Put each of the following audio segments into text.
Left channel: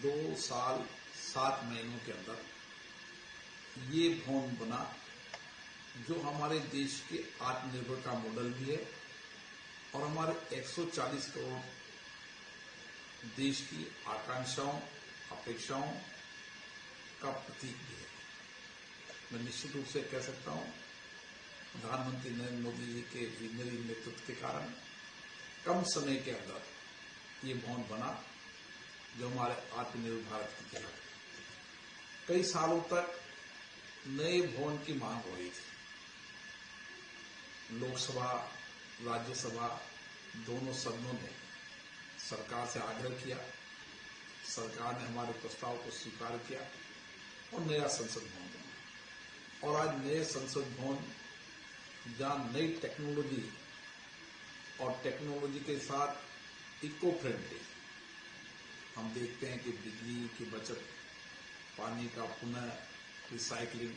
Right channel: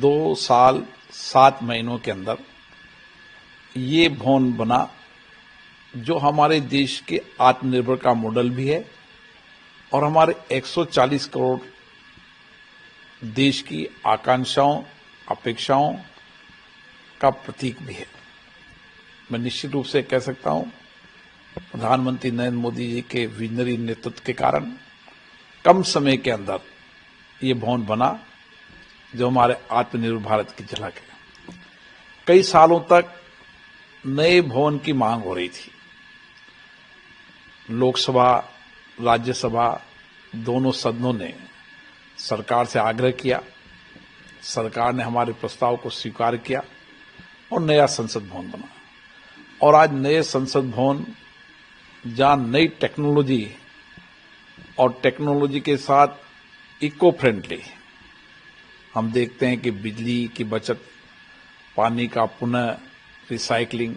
2 साल 7 महीनों के अंदर ये भवन बना जो हमारे देश के आत्मनिर्भर का मॉडल भी है और हमारे 140 करोड़ देश की आकांक्षाओं अपेक्षाओं का प्रतीक भी है। मैं निश्चित रूप से कह सकता हूं प्रधानमंत्री नरेंद्र मोदी जी के विजनरी नेतृत्व के कारण कम समय के अंदर ये भवन बना जो हमारे आत्मनिर्भर भारत की झलक है। कई सालों तक नए भवन की मांग हो रही थी। लोकसभा राज्यसभा दोनों सदनों ने सरकार से आग्रह किया, सरकार ने हमारे प्रस्ताव को स्वीकार किया और नया संसद भवन बना। और आज नए संसद भवन जहां नई टेक्नोलॉजी और टेक्नोलॉजी के साथ इको फ्रेंडली हम देखते हैं कि बिजली की बचत, पानी का पुनः रिसाइकलिंग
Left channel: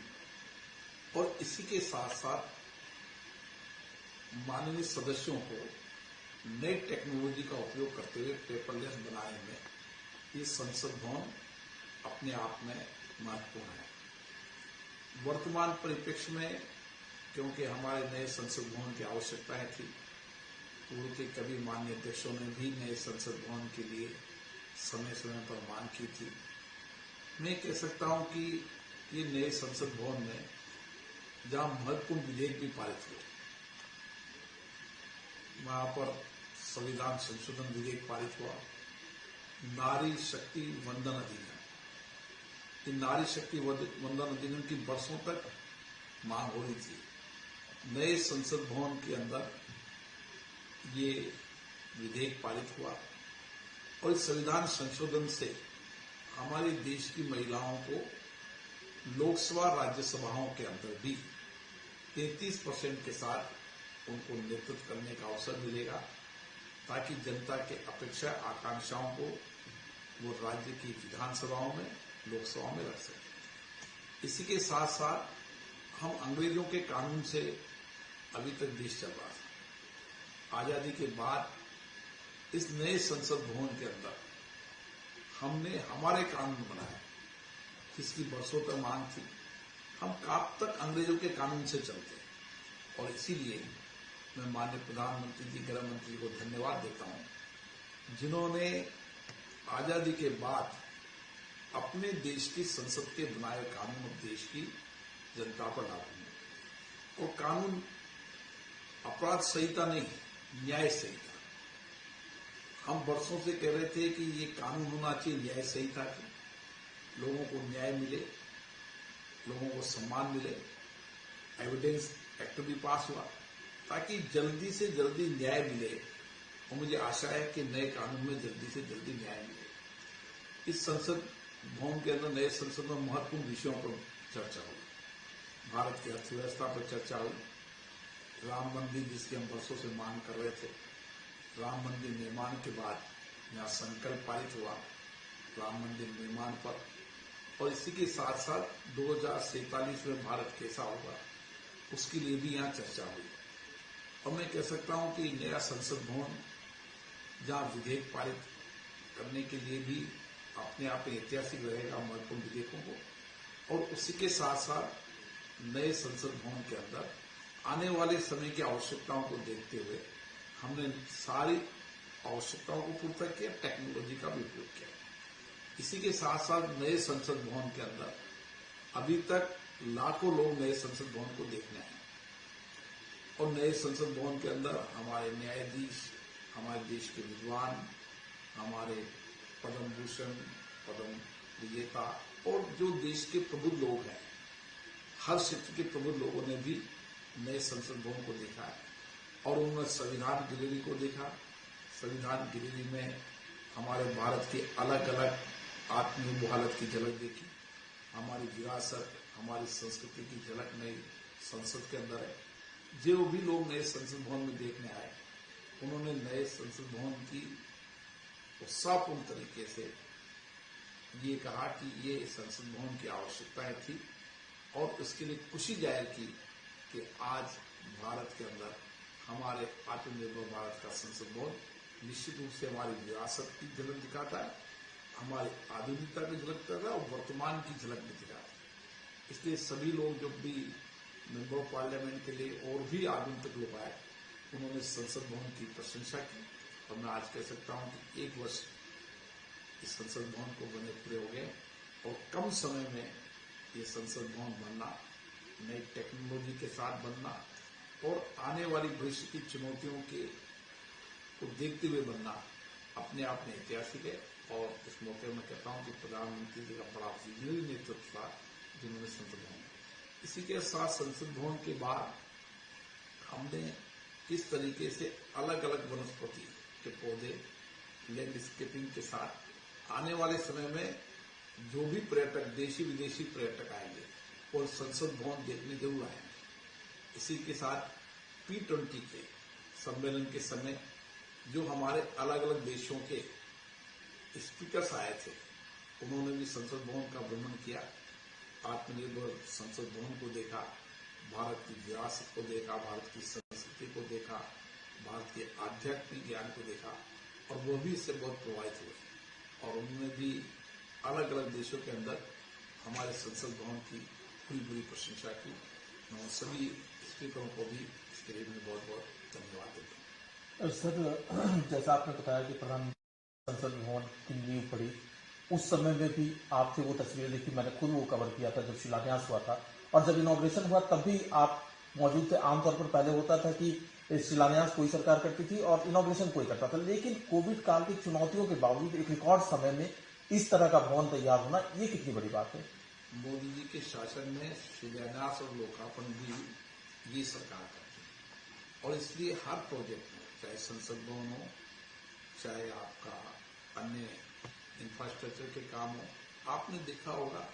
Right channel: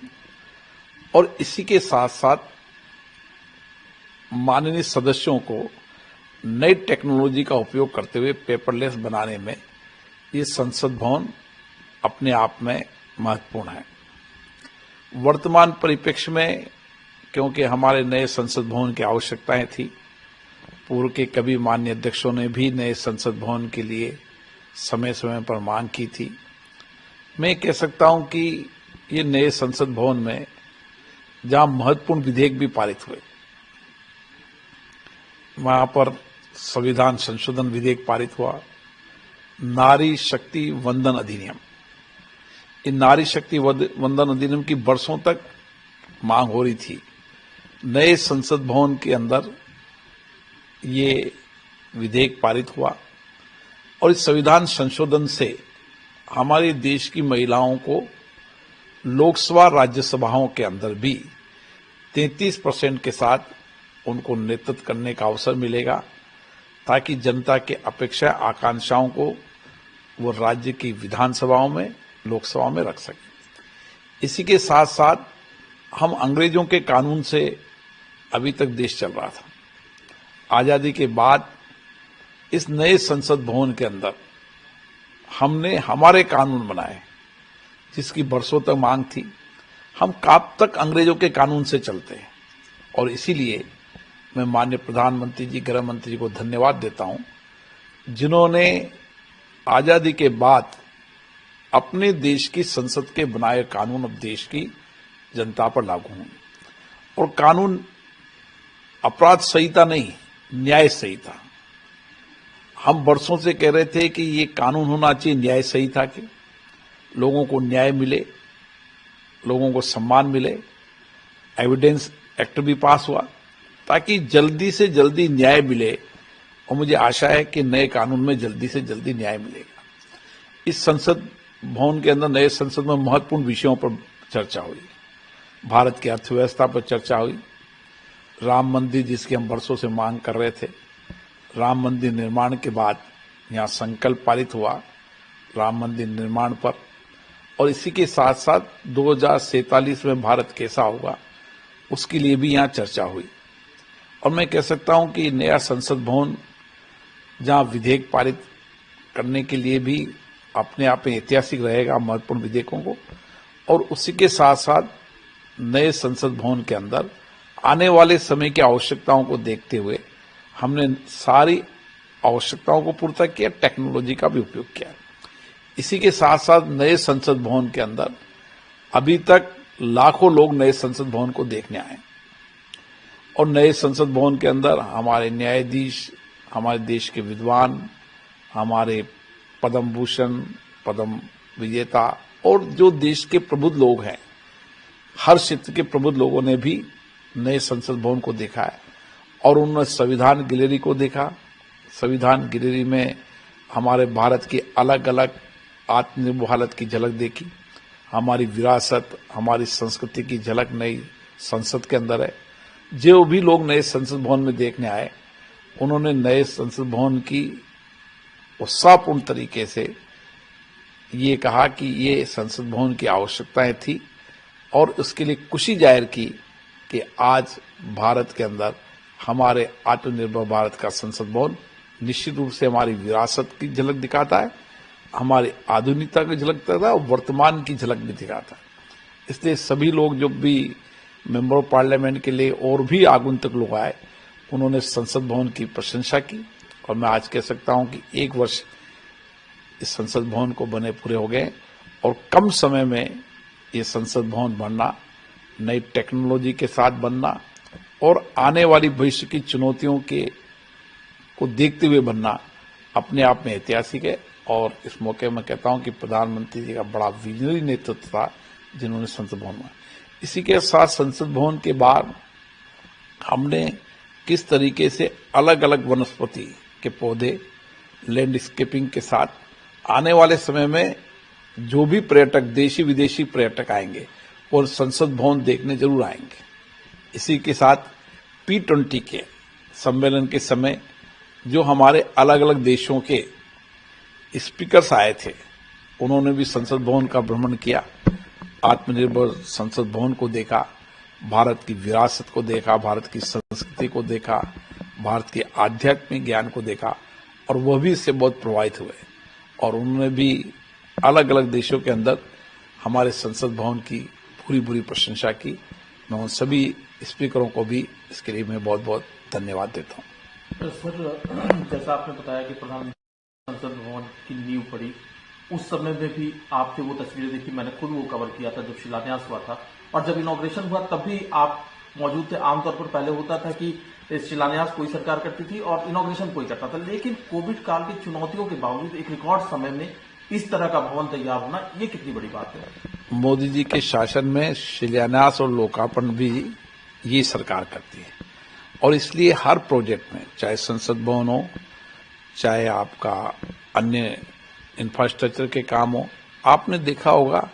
और इसी के साथ साथ माननीय सदस्यों को नई टेक्नोलॉजी का उपयोग करते हुए पेपरलेस बनाने में ये संसद भवन अपने आप में महत्वपूर्ण है। वर्तमान परिप्रेक्ष्य में क्योंकि हमारे नए संसद भवन की आवश्यकताएं थी, पूर्व के कभी माननीय अध्यक्षों ने भी नए संसद भवन के लिए समय समय पर मांग की थी। मैं कह सकता हूं कि ये नए संसद भवन में जहां महत्वपूर्ण विधेयक भी पारित हुए, वहां पर संविधान संशोधन विधेयक पारित हुआ, नारी शक्ति वंदन अधिनियम। इन नारी शक्ति वंदन अधिनियम की वर्षों तक मांग हो रही थी। नए संसद भवन के अंदर ये विधेयक पारित हुआ और इस संविधान संशोधन से हमारे देश की महिलाओं को लोकसभा राज्यसभाओं के अंदर भी 33% के साथ उनको नेतृत्व करने का अवसर मिलेगा, ताकि जनता के अपेक्षा आकांक्षाओं को वो राज्य की विधानसभाओं में, लोकसभा में रख सके। इसी के साथ साथ हम अंग्रेजों के कानून से अभी तक देश चल रहा था। आजादी के बाद इस नए संसद भवन के अंदर हमने हमारे कानून बनाए जिसकी वर्षों तक मांग थी। हम कब तक अंग्रेजों के कानून से चलते हैं और इसीलिए मैं माननीय प्रधानमंत्री जी, गृह मंत्री जी को धन्यवाद देता हूं, जिन्होंने आजादी के बाद अपने देश की संसद के बनाए कानून अब देश की जनता पर लागू हों। और कानून अपराध संहिता नहीं, न्याय संहिता। हम वर्षों से कह रहे थे कि ये कानून होना चाहिए न्याय संहिता के, लोगों को न्याय मिले, लोगों को सम्मान मिले। एविडेंस एक्ट भी पास हुआ ताकि जल्दी से जल्दी न्याय मिले और मुझे आशा है कि नए कानून में जल्दी से जल्दी न्याय मिलेगा। इस संसद भवन के अंदर नए संसद में महत्वपूर्ण विषयों पर चर्चा हुई। भारत की अर्थव्यवस्था पर चर्चा हुई, राम मंदिर जिसकी हम वर्षों से मांग कर रहे थे, राम मंदिर निर्माण के बाद यहाँ संकल्प पारित हुआ राम मंदिर निर्माण पर, और इसी के साथ साथ 2047 में भारत कैसा होगा उसके लिए भी यहाँ चर्चा हुई। और मैं कह सकता हूँ कि नया संसद भवन जहाँ विधेयक पारित करने के लिए भी अपने आप में ऐतिहासिक रहेगा महत्वपूर्ण विधेयकों को, और उसी के साथ साथ नए संसद भवन के अंदर आने वाले समय की आवश्यकताओं को देखते हुए हमने सारी आवश्यकताओं को पूरा किया, टेक्नोलॉजी का भी उपयोग किया। इसी के साथ साथ नए संसद भवन के अंदर अभी तक लाखों लोग नए संसद भवन को देखने आए और नए संसद भवन के अंदर हमारे न्यायाधीश, हमारे देश के विद्वान, हमारे पद्म भूषण, पद्म विजेता और जो देश के प्रबुद्ध लोग हैं, हर क्षेत्र के प्रबुद्ध लोगों ने भी नए संसद भवन को देखा है और उन्होंने संविधान गैलरी को देखा। संविधान गैलरी में हमारे भारत की अलग अलग आत्मनिर्भर भारत की झलक देखी, हमारी विरासत, हमारी संस्कृति की झलक नई संसद के अंदर है। जो भी लोग नए संसद भवन में देखने आए, उन्होंने नए संसद भवन की उत्साहपूर्ण तरीके से ये कहा कि ये संसद भवन की आवश्यकताएं थी और उसके लिए खुशी जाहिर की कि आज भारत के अंदर हमारे आत्मनिर्भर भारत का संसद भवन निश्चित रूप से हमारी विरासत की झलक दिखाता है, हमारी आधुनिकता की झलक दिखाता है और वर्तमान की झलक भी दिखाता है। इसलिए सभी लोग जो भी मेंबर ऑफ पार्लियामेंट के लिए और भी आगंतुक लोग आए, उन्होंने संसद भवन की प्रशंसा की और मैं आज कह सकता हूं कि 1 वर्ष इस संसद भवन को बने पूरे हो गए और कम समय में ये संसद भवन बनना, नई टेक्नोलॉजी के साथ बनना और आने वाली भविष्य की चुनौतियों को देखते हुए बनना अपने आप में ऐतिहासिक है। और इस मौके में कहता हूं कि प्रधानमंत्री जी का बड़ा विजनरी नेतृत्व था जिन्होंने संसद भवन में। इसी के साथ संसद भवन के बाद हमने किस तरीके से अलग अलग वनस्पति के पौधे लैंडस्केपिंग के साथ आने वाले समय में जो भी पर्यटक, देशी विदेशी पर्यटक आएंगे और संसद भवन देखने जरूर आएंगे। इसी के साथ P20 के सम्मेलन के समय जो हमारे अलग अलग देशों के स्पीकर्स आए थे, उन्होंने भी संसद भवन का भ्रमण किया, आत्मनिर्भर संसद भवन को देखा, भारत की विरासत को देखा, भारत की संस्कृति को देखा, भारत के आध्यात्मिक ज्ञान को देखा और वह भी इससे बहुत प्रभावित हुए और उन्होंने भी अलग अलग देशों के अंदर हमारे संसद भवन की पूरी प्रशंसा की। मैं उन सभी स्पीकरों को भी इसके लिए मैं बहुत बहुत धन्यवाद देता हूँ। सर, जैसा आपने बताया कि प्रधानमंत्री संसद भवन की नींव पड़ी, उस समय में भी आपसे वो तस्वीरें देखी, मैंने खुद वो कवर किया था जब शिलान्यास हुआ था और जब इनॉग्रेशन हुआ तब भी आप मौजूद थे। आमतौर पर पहले होता था कि शिलान्यास कोई सरकार करती थी और इनॉग्रेशन कोई करता था, लेकिन कोविड काल की चुनौतियों के बावजूद एक रिकॉर्ड समय में इस तरह का भवन तैयार होना, ये कितनी बड़ी बात है। मोदी जी के शासन में शिलान्यास और लोकार्पण भी ये सरकार करती है और इसलिए हर प्रोजेक्ट में, चाहे संसद भवन हो, चाहे आपका अन्य इंफ्रास्ट्रक्चर के काम हो, आपने देखा होगा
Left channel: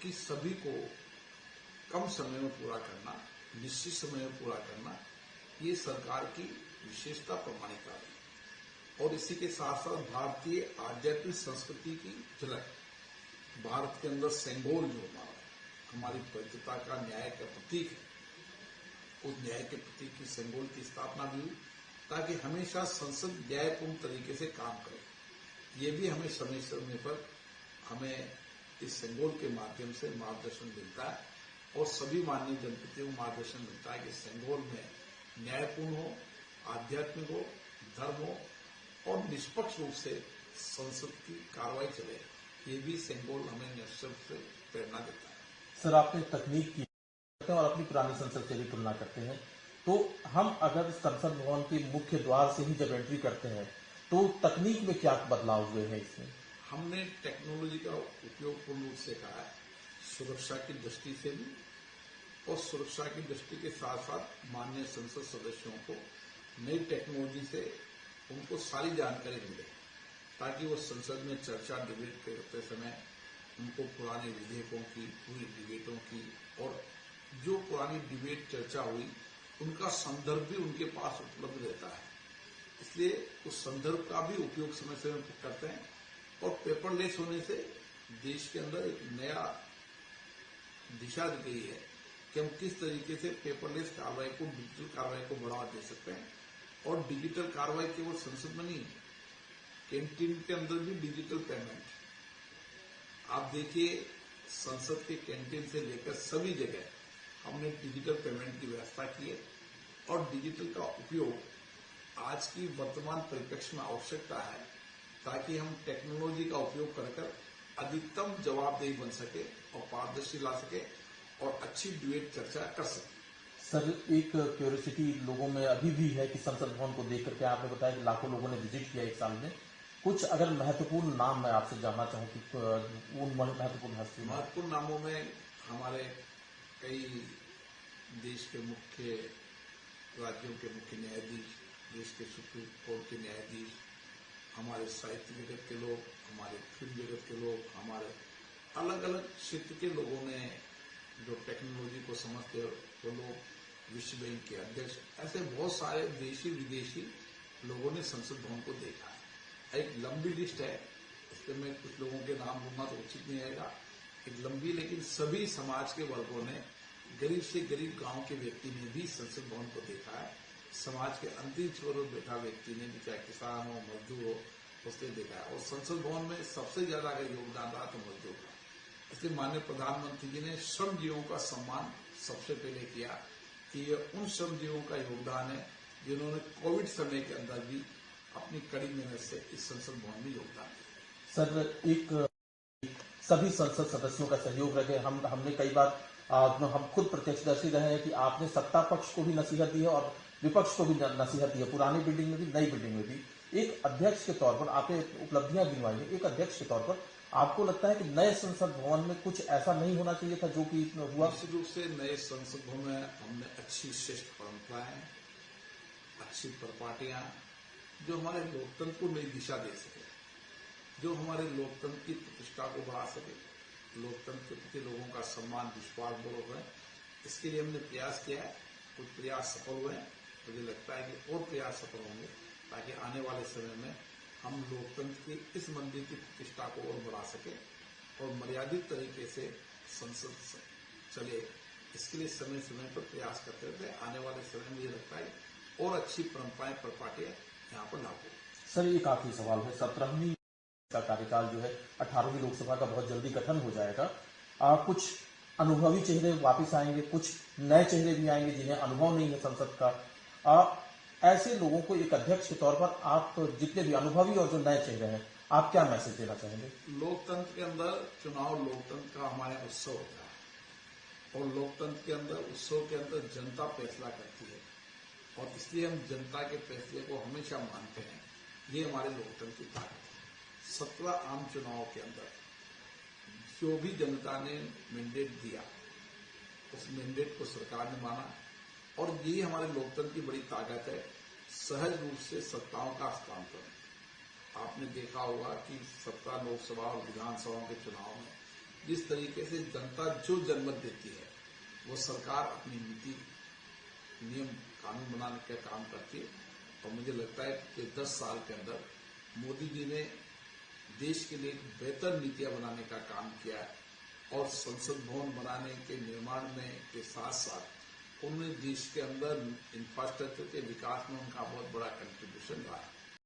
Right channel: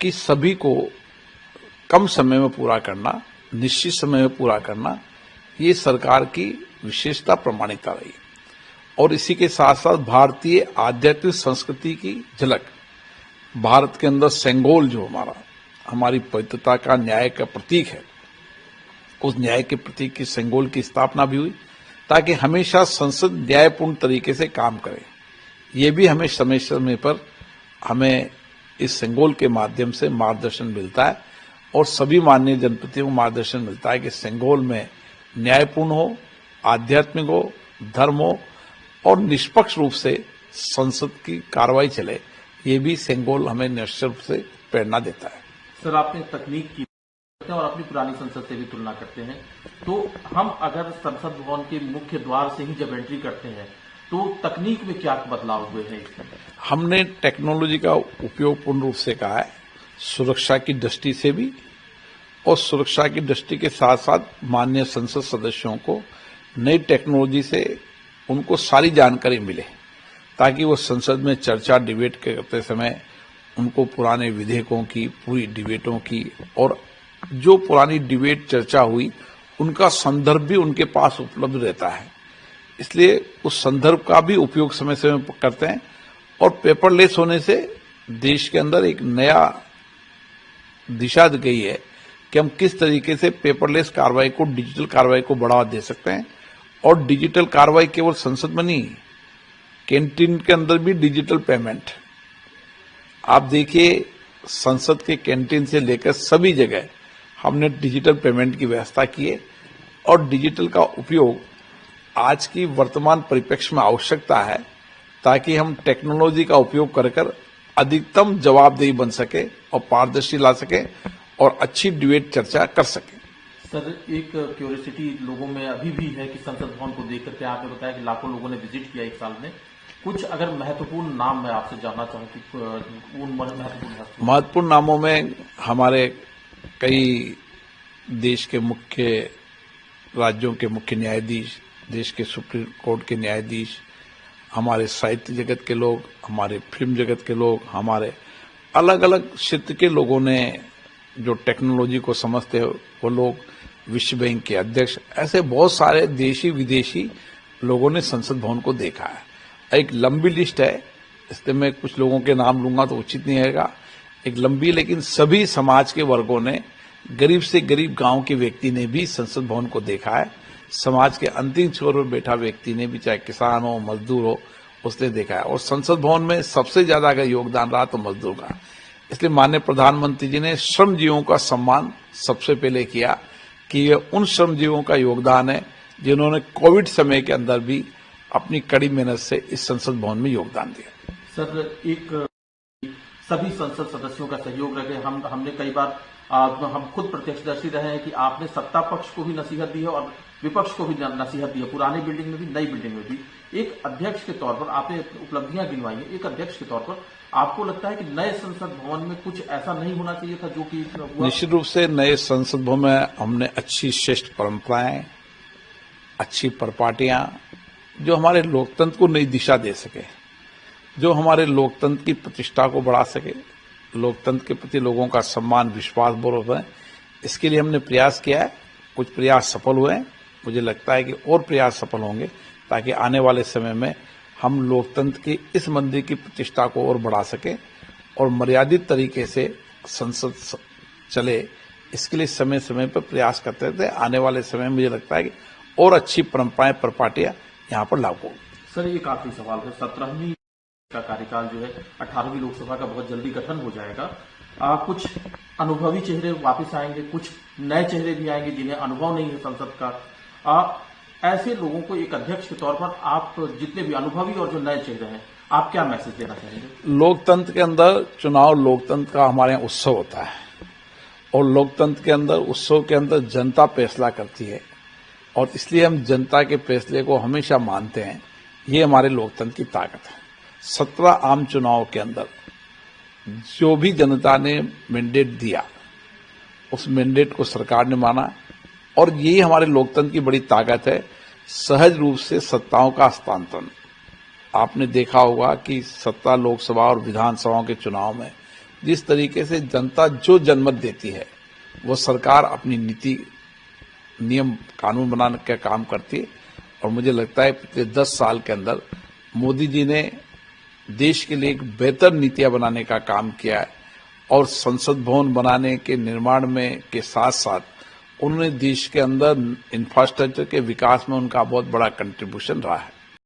कि सभी को कम समय में पूरा करना, निश्चित समय में पूरा करना, ये सरकार की विशेषता प्रमाणिकता रही। और इसी के साथ साथ भारतीय आध्यात्मिक संस्कृति की झलक, भारत के अंदर सेंगोल जो हमारी पवित्रता का, न्याय का प्रतीक है, उस न्याय के प्रतीक की सेंगोल की स्थापना भी हुई ताकि हमेशा संसद न्यायपूर्ण तरीके से काम करे। ये भी हमें समय समय पर हमें इस सेंगोल के माध्यम से मार्गदर्शन मिलता है और सभी माननीय जनप्रतिनिधियों को मार्गदर्शन मिलता है कि सेंगोल में न्यायपूर्ण हो, आध्यात्मिक हो, धर्म हो और निष्पक्ष रूप से संसद की कार्रवाई चले। ये भी सेंगोल हमें निश्चित रूप से प्रेरणा देता है। सर, आपने तकनीक की और अपनी पुरानी संसद से भी तुलना करते हैं, तो हम अगर संसद भवन के मुख्य द्वार से ही जब एंट्री करते हैं तो तकनीक में क्या बदलाव हुए हैं इसमें? हमने टेक्नोलॉजी का उपयोग पूर्ण रूप से कहा है, सुरक्षा की दृष्टि से भी और सुरक्षा की दृष्टि के साथ साथ माननीय संसद सदस्यों को नई टेक्नोलॉजी से उनको सारी जानकारी मिले ताकि वो संसद में चर्चा, डिबेट करते समय उनको पुराने विधेयकों की, पूरी डिबेटों की और जो पुरानी डिबेट चर्चा हुई उनका संदर्भ भी उनके पास उपलब्ध रहता है। इसलिए उस संदर्भ का भी उपयोग समय समय पर करते हैं और पेपरलेस होने से देश के अंदर एक नया दिशा दी गई है कि हम किस तरीके से पेपरलेस कार्रवाई को, डिजिटल कार्रवाई को बढ़ावा दे सकते हैं। और डिजिटल कार्रवाई केवल संसद में नहीं, कैंटीन के अंदर भी डिजिटल पेमेंट। आप देखिए, संसद के कैंटीन से लेकर सभी जगह हमने डिजिटल पेमेंट की व्यवस्था की है और डिजिटल का उपयोग आज की वर्तमान परिप्रेक्ष्य में आवश्यकता है ताकि हम टेक्नोलॉजी का उपयोग कर अधिकतम जवाबदेही बन सके और पारदर्शी ला सके और अच्छी डिबेट चर्चा कर सके। सर, एक क्यूरियोसिटी लोगों में अभी भी है कि संसद भवन को देख करके आपने बताया कि लाखों लोगों ने विजिट किया 1 साल में, कुछ अगर महत्वपूर्ण नाम मैं आपसे जानना चाहूँ कि उन महत्वपूर्ण नामों में हमारे कई देश के मुख्य राज्यों के मुख्य न्यायाधीश, देश के सुप्रीम कोर्ट के न्यायाधीश, हमारे साहित्य जगत के लोग, हमारे फिल्म जगत के लोग, हमारे अलग अलग क्षेत्र के लोगों ने जो टेक्नोलॉजी को समझते हैं वो लोग, विश्व बैंक के अध्यक्ष, ऐसे बहुत सारे देशी विदेशी लोगों ने संसद भवन को देखा है। एक लंबी लिस्ट है, इसलिए मैं कुछ लोगों के नाम लूंगा तो उचित नहीं रहेगा, एक लंबी, लेकिन सभी समाज के वर्गों ने, गरीब से गरीब गांव के व्यक्ति ने भी संसद भवन को देखा है। समाज के अंतिम छोर पर बैठा व्यक्ति ने भी, चाहे किसान हो, मजदूर हो, उसने देखा है। और संसद भवन में सबसे ज्यादा अगर योगदान रहा तो मजदूर का, इसलिए माननीय प्रधानमंत्री जी ने श्रमजीवियों का सम्मान सबसे पहले किया कि ये उन श्रमजीवियों का योगदान है जिन्होंने कोविड समय के अंदर भी अपनी कड़ी मेहनत से इस संसद भवन में योगदान दिया। सर, एक सभी संसद सदस्यों का सहयोग रहे। हमने कई बार हम खुद प्रत्यक्षदर्शी रहे हैं कि आपने सत्ता पक्ष को भी नसीहत दी है और विपक्ष को भी नसीहत दी है, पुरानी बिल्डिंग में भी, नई बिल्डिंग में भी। एक अध्यक्ष के तौर पर आपने उपलब्धियां गिनवाई हैं, एक अध्यक्ष के तौर पर आपको लगता है कि नए संसद भवन में कुछ ऐसा नहीं होना चाहिए था जो कि हुआ? निश्चित रूप से नए संसद भवन में हमने अच्छी श्रेष्ठ परंपराएं, अच्छी परिपाटियां जो हमारे लोकतंत्र को नई दिशा दे सके, जो हमारे लोकतंत्र की प्रतिष्ठा को बढ़ा सके, लोकतंत्र के प्रति लोगों का सम्मान, विश्वास बढ़ है, इसके लिए हमने प्रयास किया है। कुछ प्रयास सफल हुए हैं, मुझे लगता है कि और प्रयास सफल होंगे ताकि आने वाले समय में हम लोकतंत्र की इस मंदिर की प्रतिष्ठा को और बढ़ा सकें और मर्यादित तरीके से संसद चले, इसके लिए समय समय पर प्रयास करते थे। आने वाले समय में मुझे लगता है कि और अच्छी परंपराएं, परिपाटियां यहाँ पर लागू होंगी। सर, एक आखिरी सवाल है। 17वीं का कार्यकाल जो है 18वीं लोकसभा का बहुत जल्दी गठन हो जाएगा। कुछ अनुभवी चेहरे वापस आएंगे, कुछ नए चेहरे भी आएंगे जिन्हें अनुभव नहीं है संसद का। ऐसे लोगों को एक अध्यक्ष के तौर पर आप, जितने भी अनुभवी और जो नए चेहरे हैं, आप क्या मैसेज देना चाहेंगे? लोकतंत्र के अंदर चुनाव, लोकतंत्र का हमारे यहाँ उत्सव होता है और लोकतंत्र के अंदर, उत्सव के अंदर जनता फैसला करती है और इसलिए हम जनता के फैसले को हमेशा मानते हैं। ये हमारे लोकतंत्र की ताकत है। 17 आम चुनाव के अंदर जो भी जनता ने मैंडेट दिया, उस मैंडेट को सरकार ने माना और यही हमारे लोकतंत्र की बड़ी ताकत है। सहज रूप से सत्ताओं का हस्तांतरण, आपने देखा होगा कि सत्ता लोकसभा और विधानसभाओं के चुनाव में जिस तरीके से जनता जो जनमत देती है वो सरकार अपनी नीति, नियम, कानून बनाने का काम करती है। और मुझे लगता है पिछले 10 साल के अंदर मोदी जी ने देश के लिए एक बेहतर नीतियां बनाने का काम किया है और संसद भवन बनाने के निर्माण में के साथ साथ उन्होंने देश के अंदर इंफ्रास्ट्रक्चर के विकास में उनका बहुत बड़ा कंट्रीब्यूशन रहा है।